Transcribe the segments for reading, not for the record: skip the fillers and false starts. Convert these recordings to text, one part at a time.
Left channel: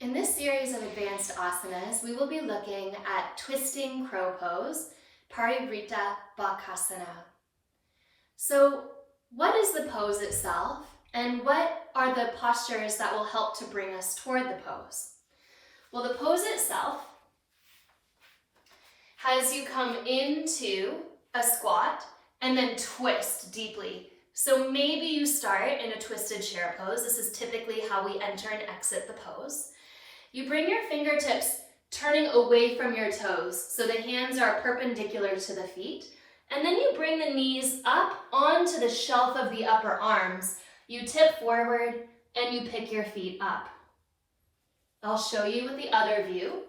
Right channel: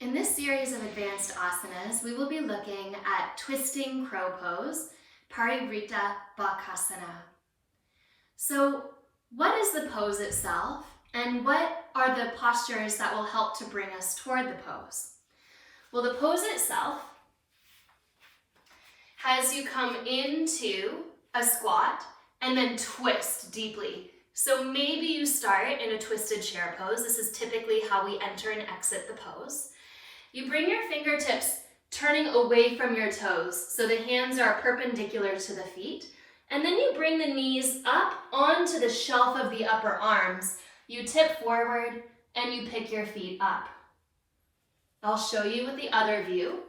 In this series of advanced asanas, we will be looking at twisting crow pose, Parivrtta Bakasana. So what is the pose itself, and what are the postures that will help to bring us toward the pose? Well, the pose itself has you come into a squat and then twist deeply. So maybe you start in a twisted chair pose. This is typically how we enter and exit the pose. You bring your fingertips turning away from your toes, so the hands are perpendicular to the feet, and then you bring the knees up onto the shelf of the upper arms. You tip forward and you pick your feet up. I'll show you with the other view.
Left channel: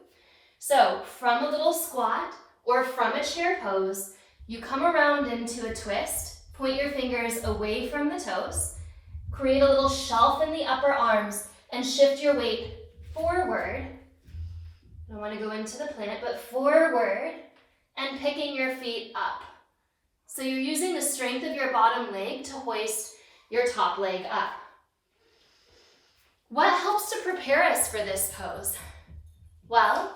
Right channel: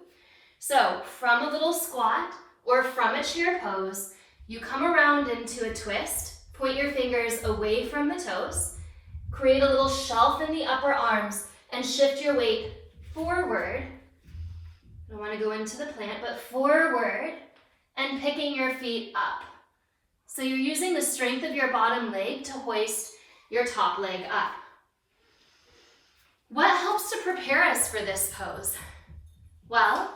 So from a little squat or from a chair pose, you come around into a twist, point your fingers away from the toes, create a little shelf in the upper arms, and shift your weight forward. I don't want to go into the plant, but forward and picking your feet up. So you're using the strength of your bottom leg to hoist your top leg up. What helps to prepare us for this pose? Well,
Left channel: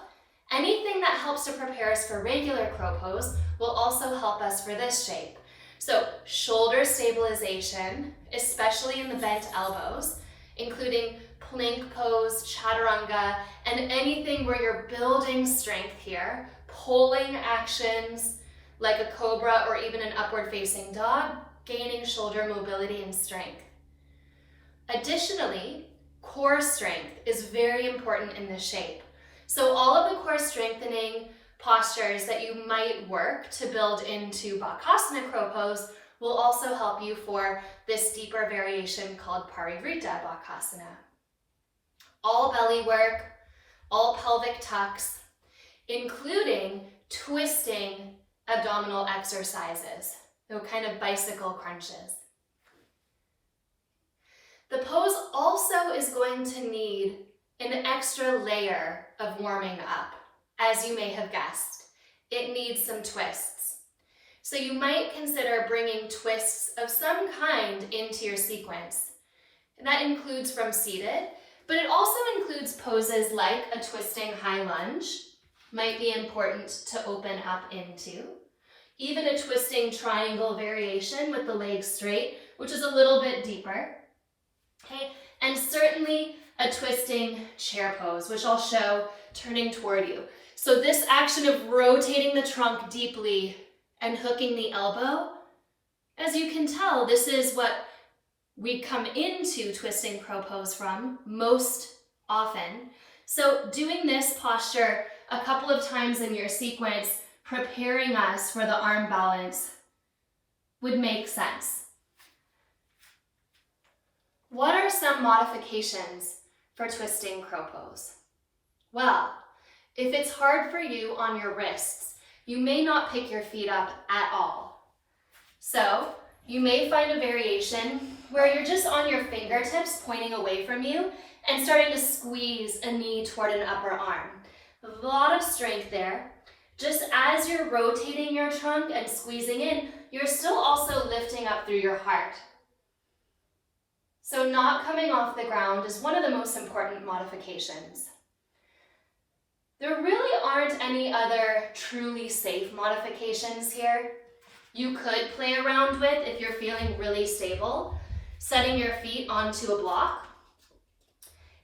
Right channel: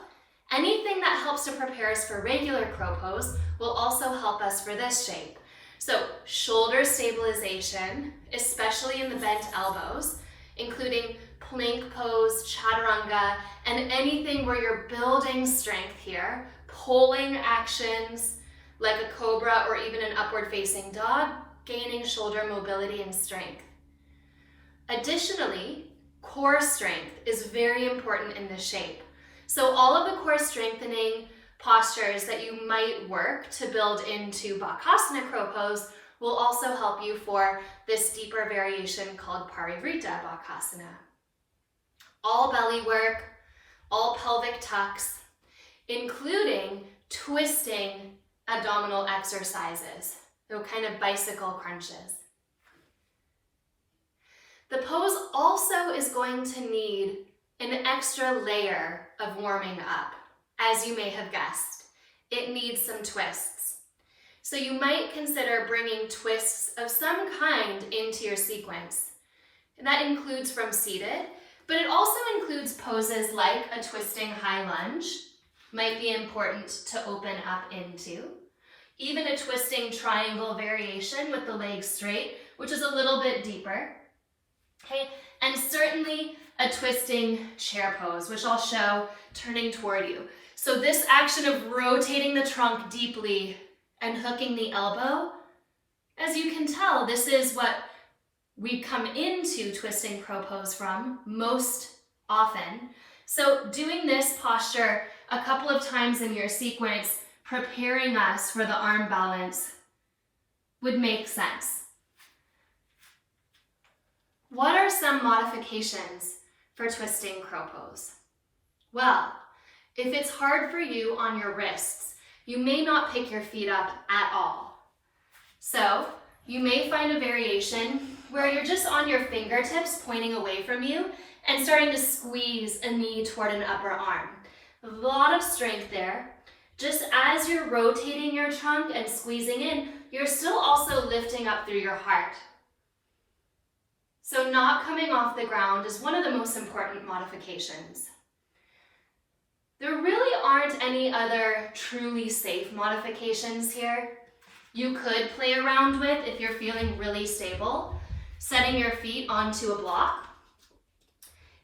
anything that helps to prepare us for regular crow pose will also help us for this shape. So shoulder stabilization, especially in the bent elbows, including plank pose, chaturanga, and anything where you're building strength here, pulling actions like a cobra or even an upward facing dog, gaining shoulder mobility and strength. Additionally, core strength is very important in this shape. So all of the core strengthening postures that you might work to build into Bakasana crow pose will also help you for this deeper variation called Parivrtta Bakasana. All belly work, all pelvic tucks, including twisting abdominal exercises, so kind of bicycle crunches. The pose also is going to need an extra layer of warming up, as you may have guessed. It needs some twists. So you might consider bringing twists of some kind into your sequence. And that includes from seated, but it also includes poses like a twisting high lunge, might be important to open up into. Even a twisting triangle variation with the legs straight, which is a little bit deeper. Okay, and certainly a twisting chair pose, which I'll show turning toward you. So this action of rotating the trunk deeply and hooking the elbow, as you can tell, this is what we come into twisting crow pose from most often. So doing this posture a couple of times in your sequence, preparing us for the arm balance, would make sense. What are some modifications for twisting crow pose? Well, if it's hard for you on your wrists, you may not pick your feet up at all. So you may find a variation where you're just on your fingertips pointing away from you and starting to squeeze a knee toward an upper arm. A lot of strength there. Just as you're rotating your trunk and squeezing in, you're still also lifting up through your heart. So not coming off the ground is one of the most important modifications. There really aren't any other truly safe modifications here. You could play around with if you're feeling really stable, setting your feet onto a block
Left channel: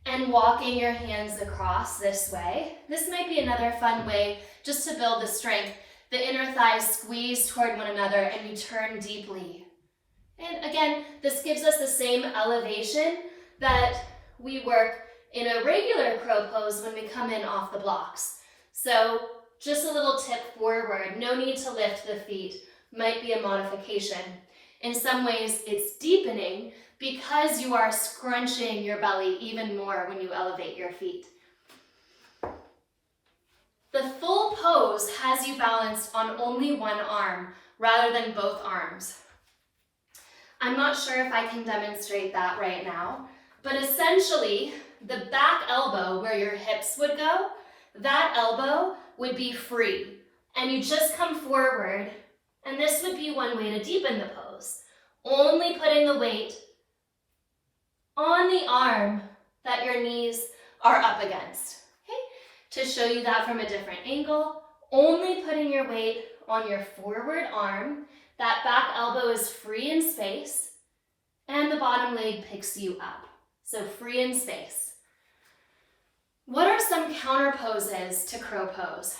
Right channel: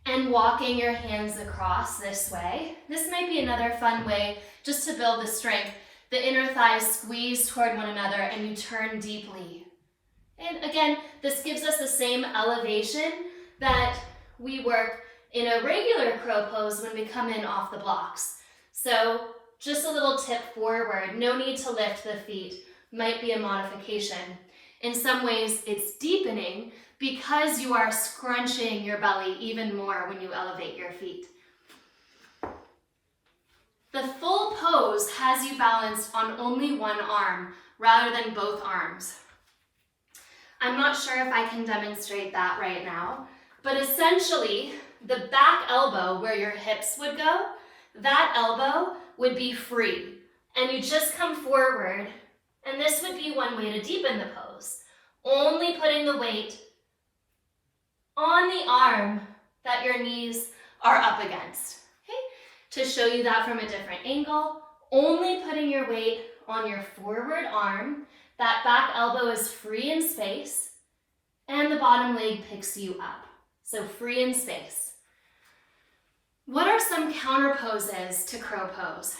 and walking your hands across this way. This might be another fun way just to build the strength. The inner thighs squeeze toward one another and you turn deeply. And again, this gives us the same elevation that we work in a regular crow pose when we come in off the blocks. So just a little tip forward, no need to lift the feet, might be a modification. In some ways, it's deepening because you are scrunching your belly even more when you elevate your feet. The full pose has you balanced on only one arm rather than both arms. I'm not sure if I can demonstrate that right now, but essentially the back elbow where your hips would go, that elbow would be free. And you just come forward, and this would be one way to deepen the pose. Only putting the weight on the arm that your knees are up against. Okay? To show you that from a different angle, only putting your weight on your forward arm, that back elbow is free in space, and the bottom leg picks you up. So free in space. What are some counter poses to crow pose?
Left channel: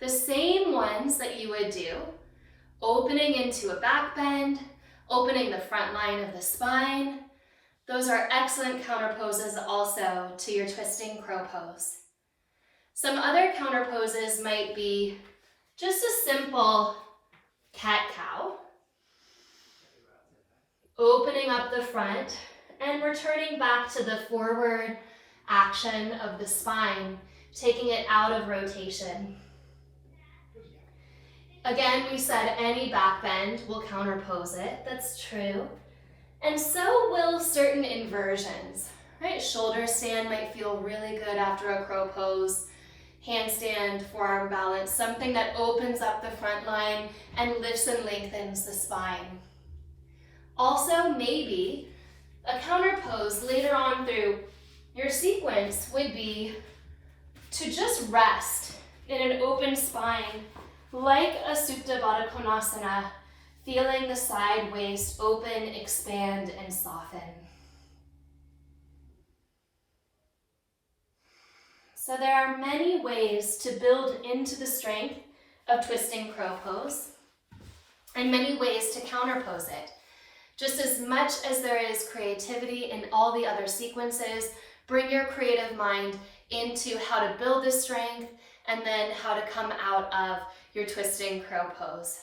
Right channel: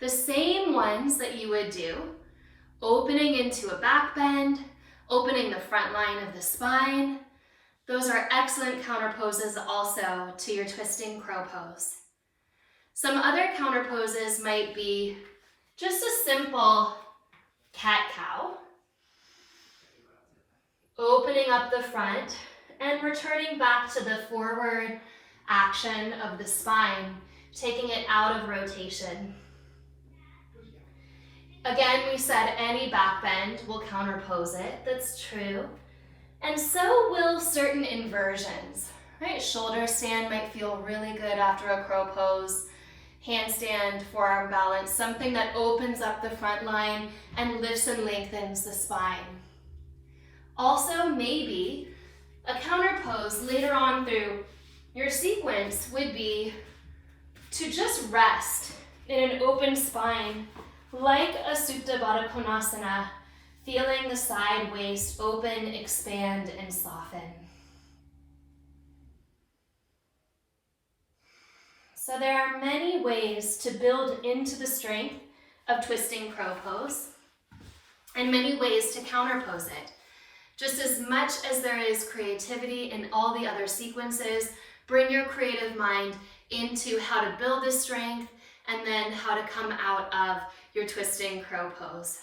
The same ones that you would do, opening into a back bend, opening the front line of the spine. Those are excellent counter poses also to your twisting crow pose. Some other counter poses might be just a simple cat-cow, opening up the front and returning back to the forward action of the spine, taking it out of rotation. Again, we said any back bend will counterpose it. That's true. And so will certain inversions, right? Shoulder stand might feel really good after a crow pose. Handstand, forearm balance, something that opens up the front line and lifts and lengthens the spine. Also, maybe a counter pose later on through your sequence would be to just rest in an open spine like a Parivrtta Bakasana, feeling the side waist open, expand, and soften. So there are many ways to build into the strength of twisting crow pose and many ways to counterpose it. Just as much as there is creativity in all the other sequences, bring your creative mind into how to build the strength and then how to come out of your twisting crow pose.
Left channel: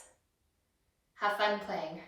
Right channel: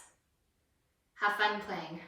Have fun playing.